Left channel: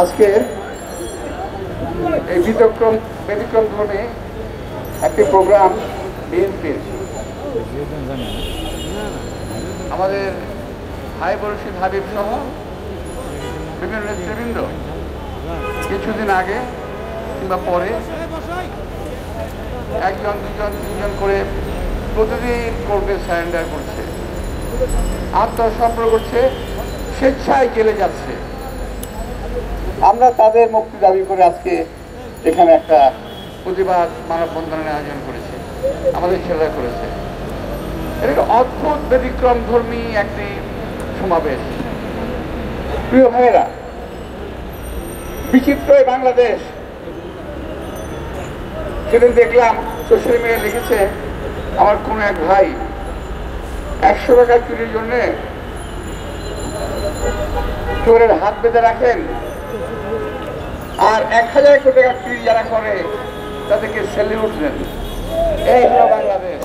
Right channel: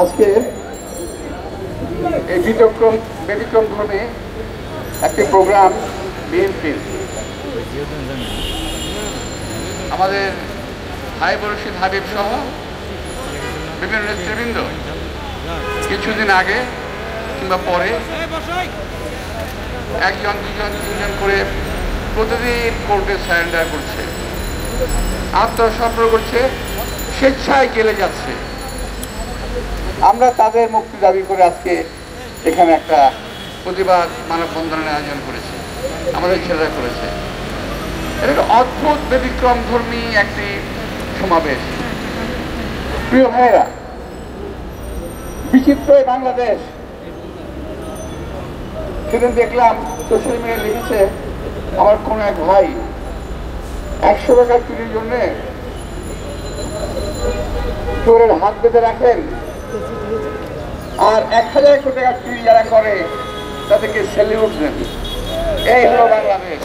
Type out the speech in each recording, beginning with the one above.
আজকে এই ব্যতিক্রম ধর্মে একটি প্রোগ্রাম বিএনপির আমাদের ভাই বরশিদ হাবিব সহ বিভিন্ন নেতৃবৃন্দ কিছুদিন আগে কিংবা পরে একজন দুজন করে প্রতিদিন কোর্টে সারেন্ডার করছে, আত্মসমর্পণ করছে, স্বেচ্ছায় জেলে যাচ্ছে। আমরা তাদের মুক্তি দাবি করে আজকে এখানে একটা প্রতিবাদ মানববন্ধনের আয়োজন করেছি, আমাদের ছেলেরা করেছে। এটা একটা অদ্ভুত ব্যতিক্রম ধর্মী একটি সমাবেশ। প্রিয় ভাইয়েরা, বিচিত্র বাংলাদেশ। সেদিন দেখলাম সোশ্যাল মিডিয়া লিখেছে আমার কোন এক ভাই 100 টাকা চুরির জন্য চোরের হাত বেঁধে রাখেন, আর 1000 টাকা চুরি যারা করে তাদেরকে স্যালিউট দেন। এই হলো বাংলাদেশ,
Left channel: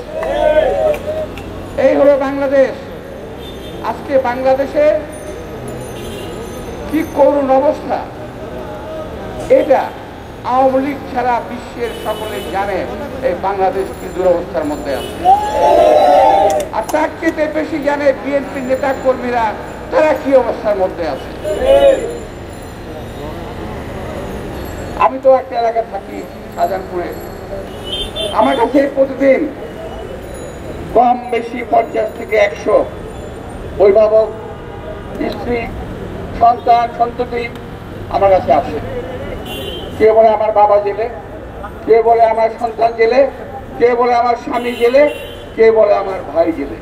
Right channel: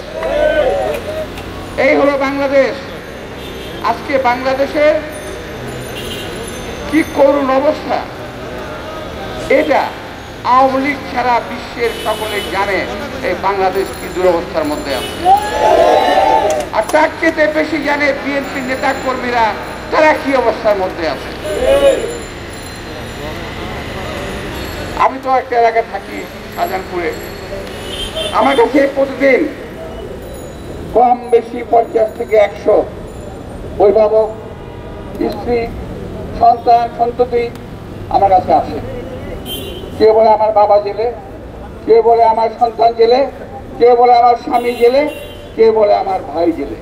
এই হলো বাংলাদেশ। আজকে বাংলাদেশের কি করুণ অবস্থা, এটা আওয়ামী লীগ ছাড়া বিশ্বের সকলেই জানে এই বাংলাদেশ কি দুরবস্থার মধ্যে আছে। আর তার চেয়ে বেশি জানে বিএনপি নেতা কর্মীরা তারা কি অবস্থার মধ্যে আছে। আমি তো একটা এলাকায় থাকি, শাহজাহানপুরে। আমার কাছে প্রতিদিন কম বেশি 50 থেকে 100 অভিভাবক, স্ত্রী, সন্তান, সন্ততি আমার কাছে আসে। কে বলে আমার বাবা জেলে, কে বলে আমার সন্তান জেলে, কে বলে আমার স্বামী জেলে, কে বলে আমার ভাই জেলে।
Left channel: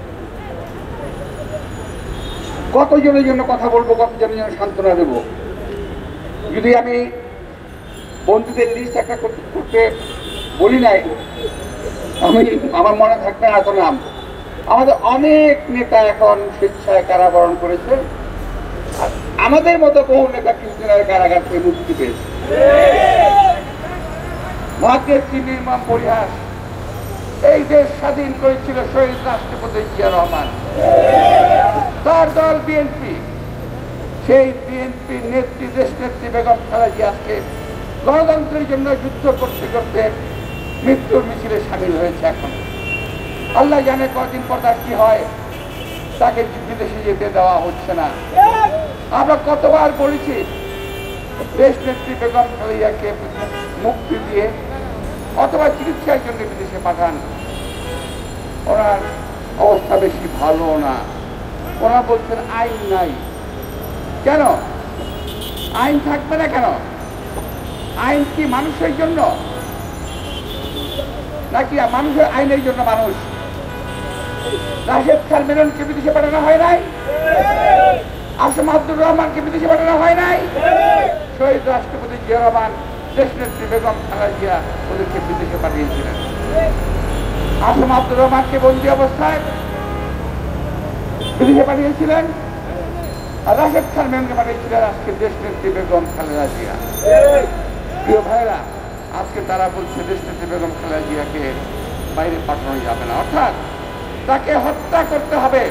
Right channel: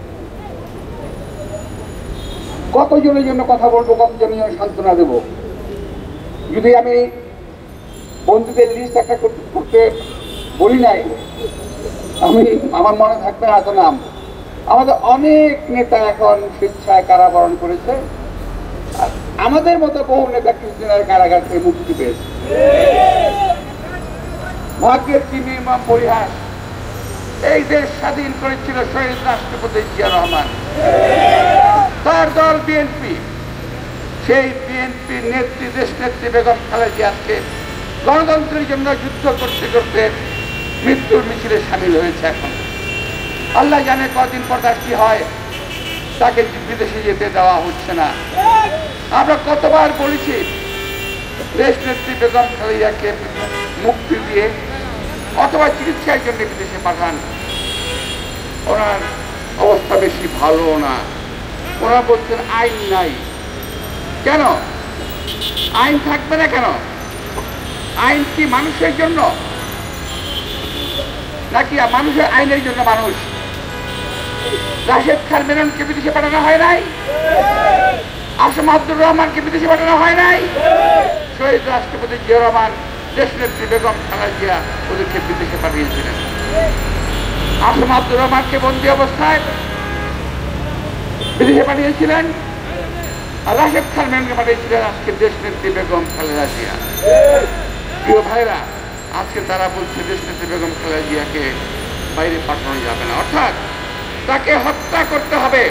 কতজনের জন্য কথা বলবো, কতজনের জন্য সান্ত্বনা দেবো। যদি আমি বন্ধুদের লিস্ট একটা করতে বলি নাই, আমার মনে থাকবে এত নাম। আমাদের অনেক নেতা এখন স্বেচ্ছায় কারাবরণ করেছে, আমাদের মতো বহু নেতা কিছুদিনের কারাগার থেকে মুক্তি পেয়েছে। ভাগ্যের কি নির্মম পরিহাস, এই দেশ স্বাধীন করেছিল শহীদ রাষ্ট্রপতি জিয়া রহমান, তার দল বিএনপি। সেই বিএনপির নেত্রী, দেশ নেত্রী বেগম খালেদা জিয়া আজকে গণতন্ত্রের জন্য যুদ্ধ করতে করতে মৃত্যুর মিছিলে সামিল হয়েছে। এখন আল্লাহ জানে কদিন পর তার কি হয়, তাকে বিদেশে যেতে দেওয়া হচ্ছে না। আমরা কতবার বলেছি দেশ নেত্রী বেগম খালেদাকে মুক্তি দিয়ে অথবা চিকিৎসার জন্য বিদেশে পাঠান। ওনার অবস্থা বেশি ভালো না। ওরা বলছেন আইন নাই। কেন আইন থাকবে না? কেন আইন কি মানুষের জন্য নাকি মানুষের আইনের জন্য? মানুষ রাশেদ খান মেননকে বিদেশে পাঠানো হয় নাই? আসম আব্দুর রহমানকে বিদেশে পাঠানো হয় নাই? শহীদ রাষ্ট্রপতি জিয়া রহমান, দেশ নেত্রী বেগম খালেদা জিয়া ওদেরকে বিদেশে পাঠিয়েছিলেন। আসম আব্দুর রহমানকে বন্দী অবস্থায় বিদেশে পাঠিয়েছিলেন, আর রাশেদ খান মেননকে পাঠিয়েছিলেন আজকে দেশ নেত্রী বেগম খালেদা জিয়া। প্রিয় ভাইরা, আজকে তারা বলছে দেশ নেত্রী বেগম খালেদা জিয়াকে বাইরে পাঠানো যাবে না, অর্থাৎ তাকে হত্যা করতে হবে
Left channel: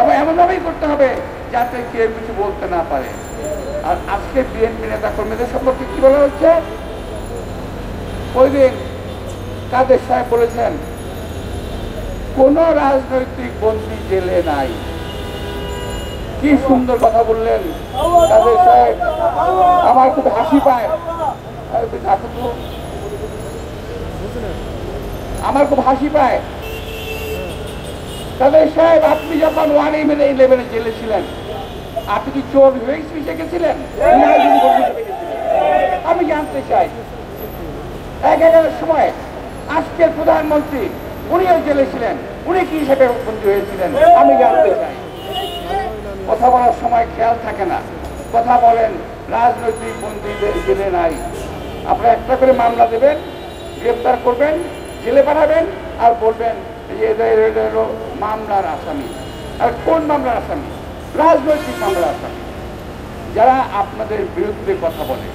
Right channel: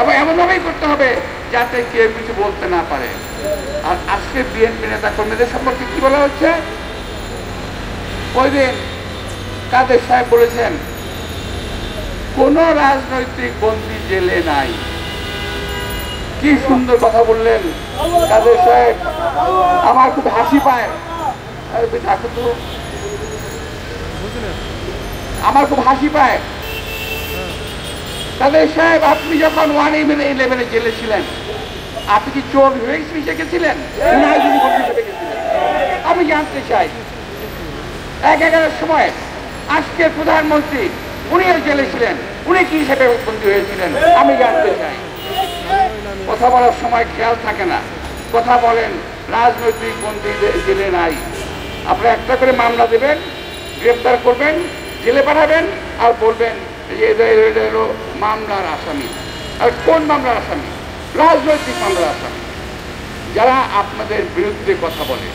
এবং এমনভাবেই করতে হবে যাতে কেউ কিছু বলতে না পারে। আর আজকে বিএনপি নেতা কর্মীদের সম্পর্কে কি বলা হচ্ছে? ওই দিন কাদের সাহেব বলেছেন কোন রাজনৈতিক বন্দী জেলে নাই। কি সুন্দর কথা বললেন কাদের সাহেব, আমার খুব হাসি পায়। আমার খুব হাসি পায়। কাদের সাহেব, আপনি যখন 111 জেলে ছিলেন, আপনি কি চোর হিসেবে গেছিলেন? আমি জানতে চাই 11-এর সময় আজকের প্রধানমন্ত্রী উনিও জেলে ছিলেন, উনি কি হিসেবে বন্দী হয়েছিলেন? আমি জানতে চাই। কথা বলার সময় খেয়াল থাকে না, কথা বলেন রাজনৈতিক বন্দীদের জেলে নাই। আপনারা একটা করে মামলা দেবেন, গ্রেপ্তার করবেন, জেলে পাঠাবেন, আর বলবেন মামলার আসামি। আর কোন মামলার আসামি? রাজনৈতিক মামলার আসামি। যারা আপনাদের বিরুদ্ধে কথা বলে,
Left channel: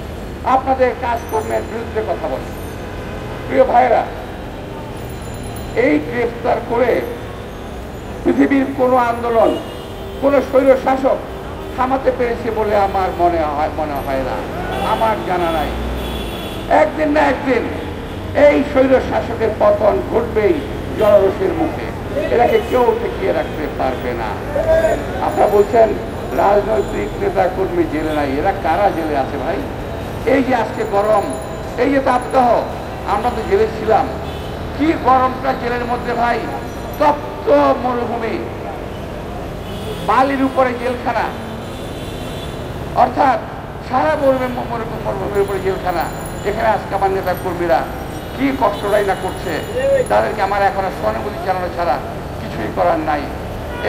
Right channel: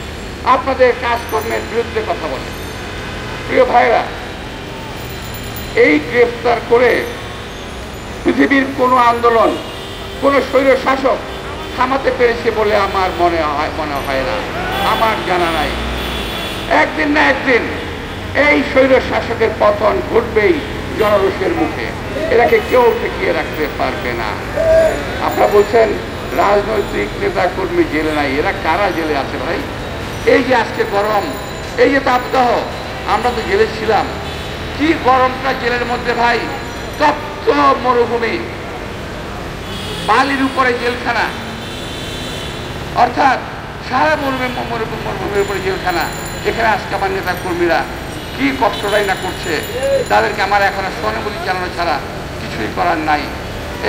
আপনাদের কাজকর্মের বিরুদ্ধে কথা বলে। প্রিয় ভাইরা, এই গ্রেফতার করে পৃথিবীর কোনো আন্দোলন কোনো স্বৈর শাসক থামাতে পেরেছে বলে আমার মনে হয় না, আমার জানা নাই। একদিন না একদিন এই স্বৈর শাসকের পতন ঘটবেই জনরোষের মুখে, এটাকে কেউ ঠেকিয়ে রাখতে পারবে না। আপনারা বলছেন রাজনৈতিক নেতা কর্মী জেলে নাই, এরা কারা জেলে আছে ভাই? এই যে আজকে গরম, এই যে তাপদাহ, আমরা তো জেলে ছিলাম, কি গরমটা জেলের মধ্যে ভাই, তপ্ত মরুভূমি, বালির উপরে জেলখানা, অর্থাৎ সারা মরুভূমির উপরে জেলখানা, যেখানে আজকে আমার নেতা কর্মীরা কি কষ্টটাই না করছে, তাদেরকে আমার এখন সহানুভূতি জানানো ছাড়া কিছুই করার নাই।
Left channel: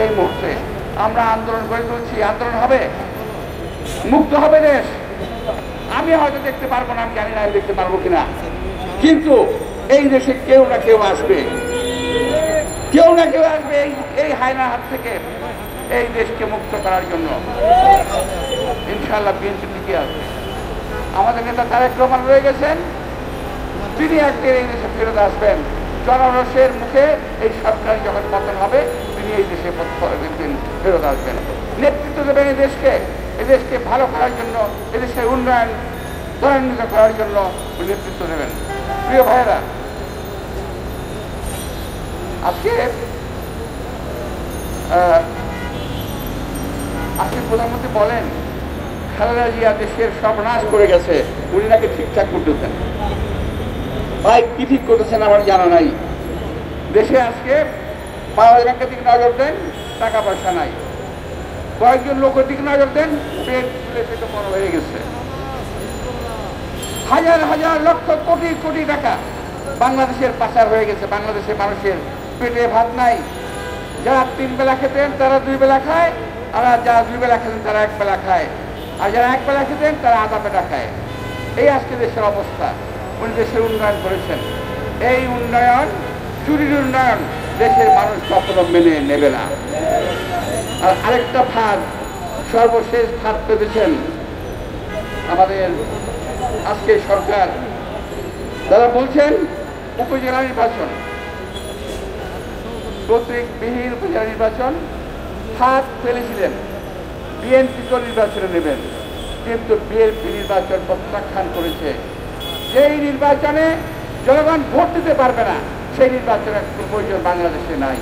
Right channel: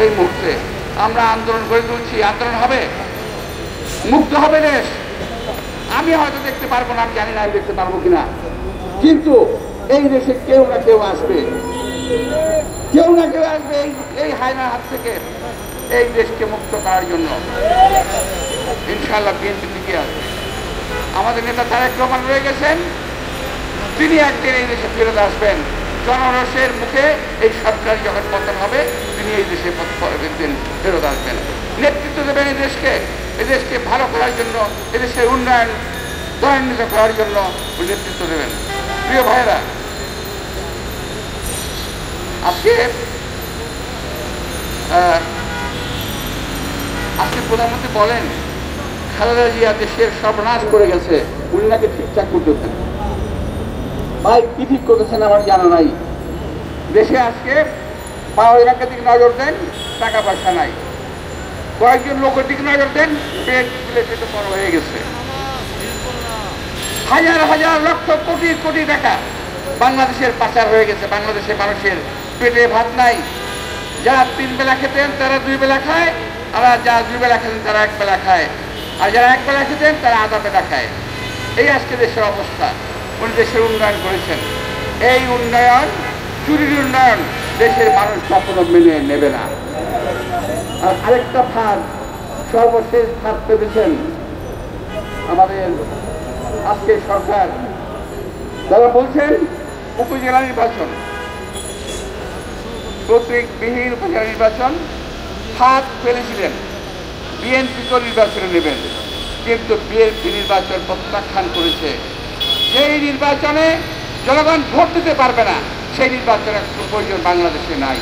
এই মুহূর্তে আমরা আন্দোলন করে তুলছি, আন্দোলন হবে, মুক্ত হবে দেশ। আমি হয়তো দেখতে পারবো না, আমি জানি না আমি দেখতে পারবো কিনা, কিন্তু এই দেশে কেউ না কেউ আসবে, কেউ না কেউ আসবে এই হায়নার হাত থেকে এই দেশকে মুক্ত করার জন্য। ইনশাআল্লাহ বিএনপি থেকে আসবে। আমাদের নেতা তারেক রহমান রয়ে গেছেন, তিনি একদিন এই দেশে ফেরত আসবেন। জনরোষের মুখে এই সরকার যখন পতন হবে, তিনি এই দেশে ফেরত আসবেন, নেতৃত্ব দেবেন এই দেশকে ভালো করার জন্য, এদেশের উন্নয়ন ত্বরান্বিত করার জন্য নেতৃত্ব দেবেন। প্রিয় ভাইরা, আজকে প্রধানমন্ত্রী বলেন খালেদা জিয়া দেশের সর্বনাশ করে গেছে, উনি নাকি ঠিকঠাক করতেছেন। ভাই কি ঠিক করতেছেন আমার জানা নাই। দেশে আজকে পাওয়ার ব্যাংকের দিকে নজর দেন, টাকা পয়সা নাই। কয়েকজন লোকের দিকে নজর দেন, পেট বড় হয়ে গেছে। হাজার হাজার লক্ষ কোটি কোটি টাকা বাংলাদেশের পাচার হয়ে গেছে। বাংলাদেশের মানুষের পেটে ভাত নাই, যারা 3 বেলা খেতেন তারা 2 বেলা খায়, আর যারা 2 বেলা খেতেন তারা 1 বেলা খায়, আর যারা 1 বেলা খেতেন তারা আধা বেলা খায়। এই আজকে দেশের অবস্থা। উনি দেশের উন্নয়ন করেছেন, এই উন্নয়ন চুরির উন্নয়ন দেশের মানুষ কখনো মেনে নেবে না। আর আরেকটা ফাঁদ, সর্বশেষ ফাঁদ পেতেছেন আমাদের আজকে সরকার। যারা বলছেন উপজেলা নির্বাচন, প্রতীকবিহীন উপজেলা নির্বাচন ফাঁদ ফেলেছিলেন, বিএনপি তো নির্বাচনে নেবেন, কিন্তু বিএনপি নির্বাচন প্রত্যাখ্যান করেছে। সেই নির্বাচনে জনগণ ভোট দিতে পারবে না, সেই নির্বাচনের প্রয়োজন বাংলাদেশে নাই।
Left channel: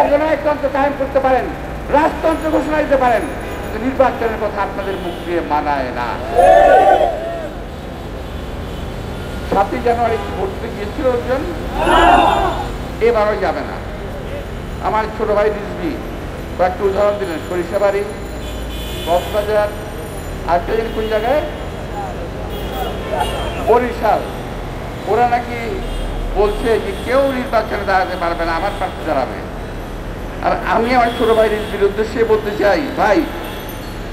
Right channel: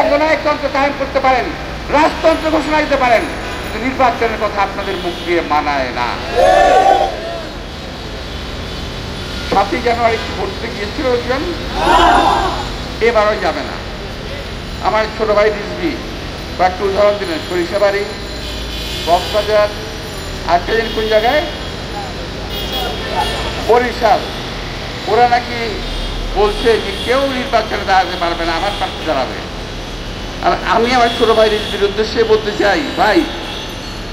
অর্ধনায়কতন্ত্র কায়েম করতে পারেন, রাজতন্ত্র ঘোষণা দিতে পারেন, কিন্তু নির্বাচনের কথা আপনাদের মুখ দিয়ে মানায় না। 7ই জানুয়ারি ভোট দিতে গিয়েছিল, এবারও যাবে না। আমার ছোট ভাই রিজভি কয়েকটা উদাহরণ দিলেন, সরিষাবাড়ি, কক্সবাজার, আর পেলেন কোন জায়গায়, বরিশাল। ওরা নাকি বলছে যে কেউ নির্বাচনে দাঁড়াতে পারবে না, আমার প্রার্থী দাঁড়াবে। আর আমি আমার ছোট ভাই রিজভির উদ্দেশ্যে বলতে চাই, ভাই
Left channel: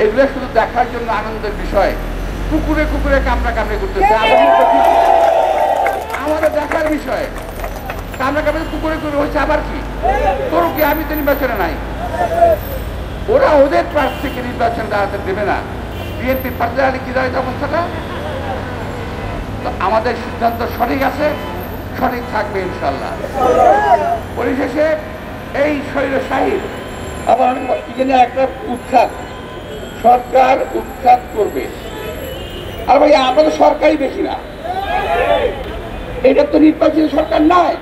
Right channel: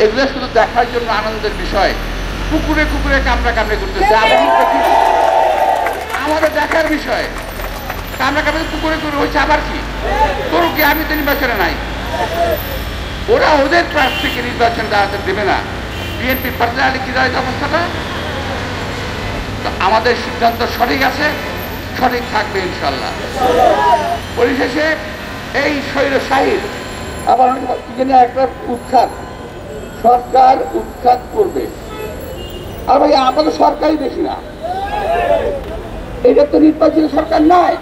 এগুলো শুধু দেখার জন্য আনন্দের বিষয়। কুকুরে কুকুরে কামড়া কামড়ে করতেছে, আমাদের দেখার বিষয়। কামড়া কামড়ে কুকুরে কুকুরে হচ্ছে, আবার কি তোর কি, আমি তো নির্বাচনে নাই। ওরা ওদের প্রার্থীকে নির্বাচন দাঁড়াতে দেবে না। বিএনপি পর্যায়ে কি দাঁড়ায় অবস্থাটা? আমাদের সিদ্ধান্ত সঠিক আছে, সঠিক থাকবে ইনশাল্লাহ। পরিশেষে এই স্বৈরশাহীর আবার একটা উৎখাত, সরকার উৎখাত করবে। আর ভাই আমরা তো সরকারই দেখি না, এটা তো নির্বাচিত সরকার নয়।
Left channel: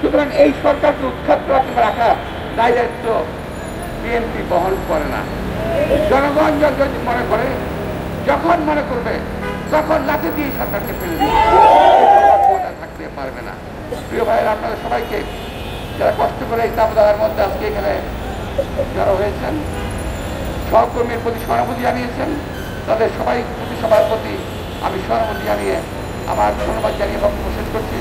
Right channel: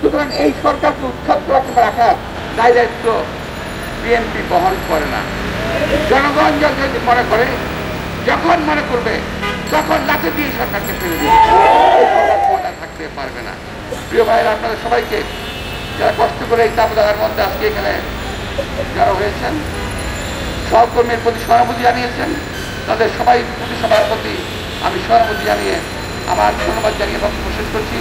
সুতরাং এই সরকারকে উৎখাত রাখা দায়িত্ব বিএনপি বহন করে না। জনগণ যখন মনে করে, যখন মনে করবে, তখন লাঠি দিয়ে সরকারকে ফেলে দেবে, থাকতে পারবে না। প্রিয় ভাইরা, আপনাদের সবাইকে যারা কষ্ট করে এই তাপদাহের মধ্যে আজকে এখানে জড়ো হয়েছেন, সহকর্মীর প্রতি সহানুভূতি জানিয়েছেন, তাদের সবার প্রতি আমি সহানুভূতি জানিয়ে আমার ধন্যবাদ জানিয়ে বক্তব্য শেষ করছি।